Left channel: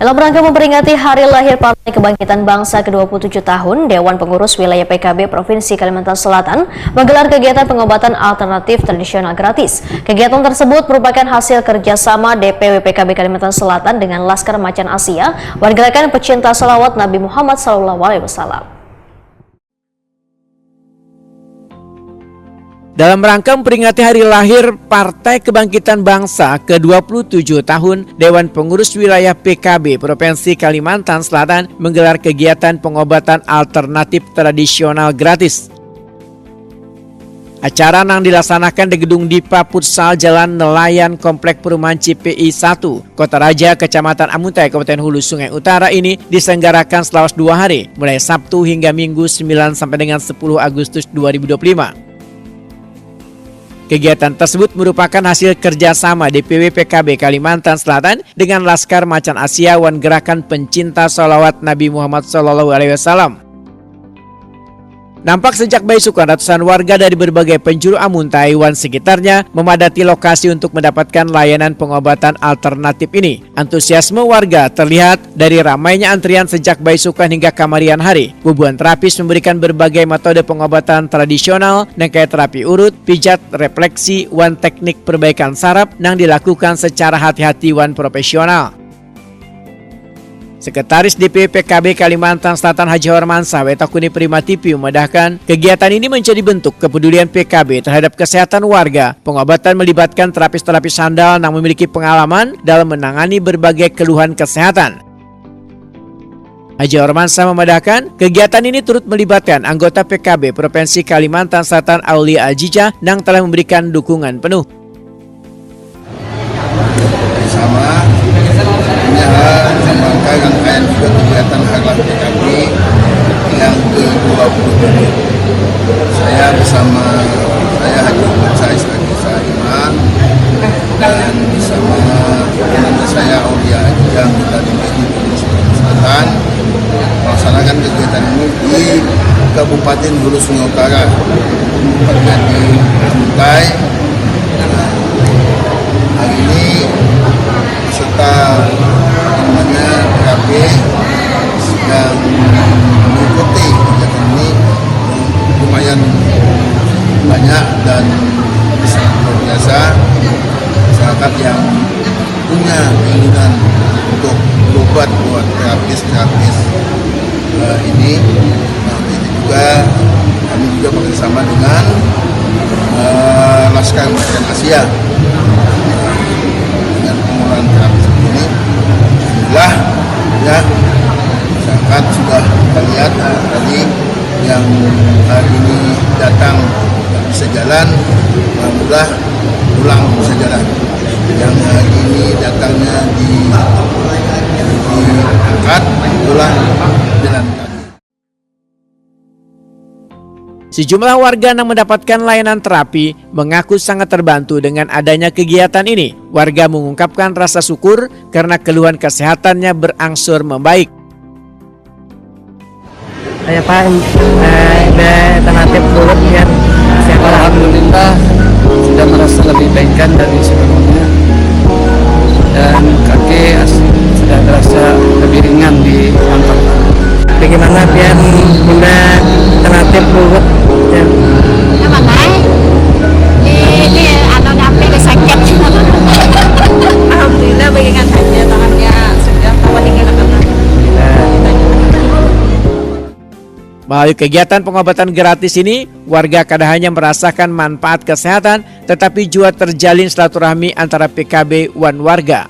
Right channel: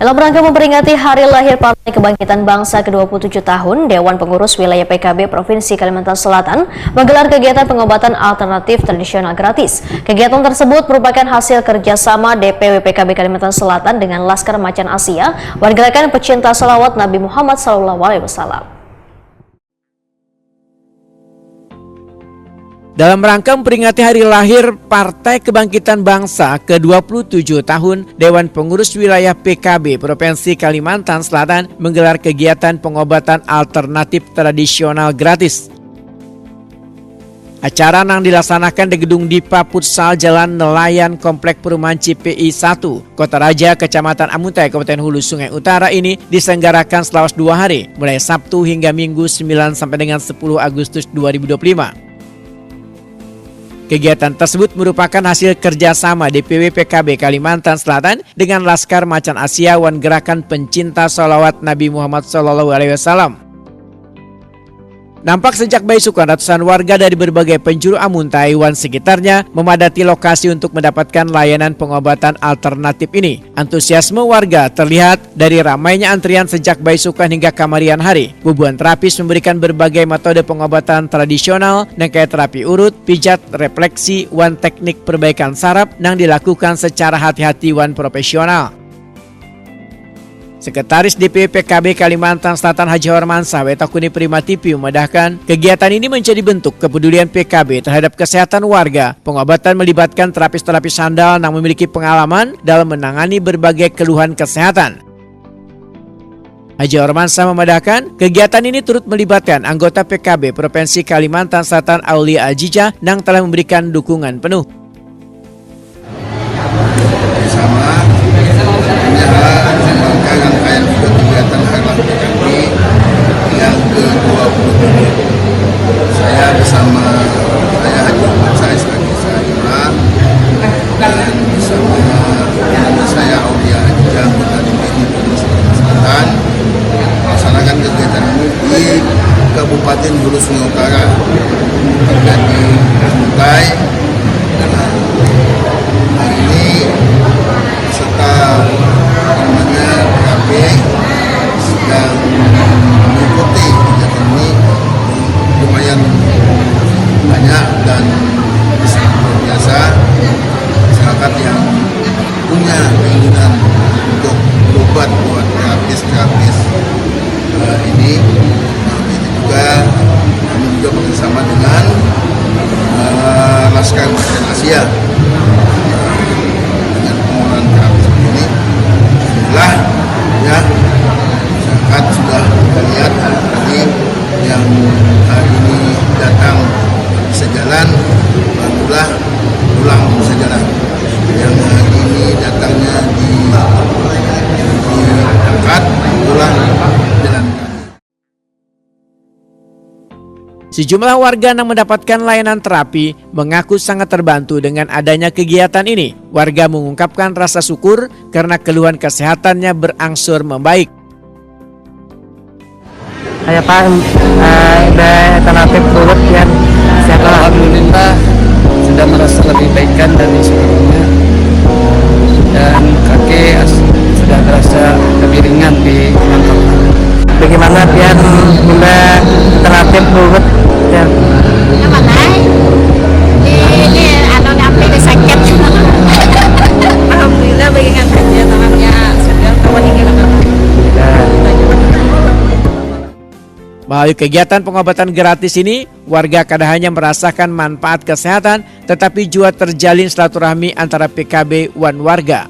Dalam rangka memperingati hari lahir Partai Kebangkitan Bangsa ke-27 tahun, Dewan Pengurus Wilayah PKB Provinsi Kalimantan Selatan menggelar kegiatan pengobatan alternatif tradisional gratis. Kegiatan tersebut merupakan hasil kerjasama DPW PKB Kalimantan Selatan dengan Laskar Macan Asia, warga pecinta salawat Nabi Muhammad SAW. Dalam rangka memperingati hari lahir Partai Kebangkitan Bangsa ke-27 tahun, Dewan Pengurus Wilayah PKB Provinsi Kalimantan Selatan menggelar kegiatan pengobatan alternatif tradisional gratis. Acara yang dilaksanakan di Gedung Dipa Futsal Jalan Nelayan Komplek Perumahan CPI 1, Kota Raja, Kecamatan Amuntai, Kabupaten Hulu Sungai Utara ini diselenggarakan selama 2 hari, mulai Sabtu hingga Minggu 9 sampai dengan 10 Agustus 2025. Kegiatan tersebut merupakan hasil kerjasama DPW PKB Kalimantan Selatan dengan Laskar Macan Asia Wan Gerakan Pencinta Sholawat Nabi Muhammad SAW. Nampak sejak bayi sukan ratusan warga dari berbagai penjuru Amuntai wan sekitarnya memadati lokasi untuk mendapatkan layanan pengobatan alternatif ini. Antusiasme warga terlihat dari ramainya antrian sejak bayi sukan hingga kamarian hari. Bubuan terapis memberikan berbagai metode pengobatan tradisional, kayak terapi urut, pijat, refleksi, wan teknik perbaikan saraf yang dilakukan secara hati-hati wan profesional. Sekretaris DPW PKB Kalimantan Selatan Haji Hormansyah Wetakuni Prima TV memedahkan kegiatan ini menjadi bentuk kepedulian PKB terhadap kesehatan warga. Pengobatan melibatkan terapis-terapis handal yang memiliki pengalaman dalam menangani berbagai keluhan kesehatan. Haji Hormansyah memedahkan kegiatan ini turut melibatkan anggota PKB Provinsi Kalimantan Selatan Aulia Ajijah yang telah memberikan dukungan penuh. Rangkaian juga kegiatan hari lahir PKB yang ke-27. Saya bersama Haji Hormansyah Iman dan bersama teman saya Aulia Ajijah kita di Selatan melaksanakan kegiatan ini di Kabupaten Hulu Sungai Utara, tepatnya di Amuntai. Hari ini peserta PKB sedang mengikuti kegiatan ini lumayan banyak dan sangat luar biasa. Masyarakat yang punya keinginan untuk berobat buat terapis ini, itu juga kami juga bekerjasama dengan Laskar Macan Asia dengan pengolahan terapis ini. Alhamdulillah ya, masyarakat sudah kita lihat tadi yang hari ini datang bisa jalan, alhamdulillah pulang bisa jalan. Yang hari ini datangnya diangkat, pulang jalan kaki. Sejumlah warga yang mendapatkan layanan terapi mengaku sangat terbantu dengan adanya kegiatan ini. Warga mengungkapkan rasa syukur karena keluhan kesehatannya berangsur membaik. Saya Pak, alternatif urut ya. Alhamdulillah sudah merasa lebih baikkan dari sebelumnya dan kaki sudah terasa lebih ringan di kantong. Bagaimana biar guna alternatif urut ya? Ini atau damping sakit. Alhamdulillah bagikan saja tangannya sudah kawan tinggal karena. Melalui kegiatan pengobatan gratis ini, warga kada hanya merasakan manfaat kesehatan, tetapi juga terjalin silaturahmi antara PKB wan warga.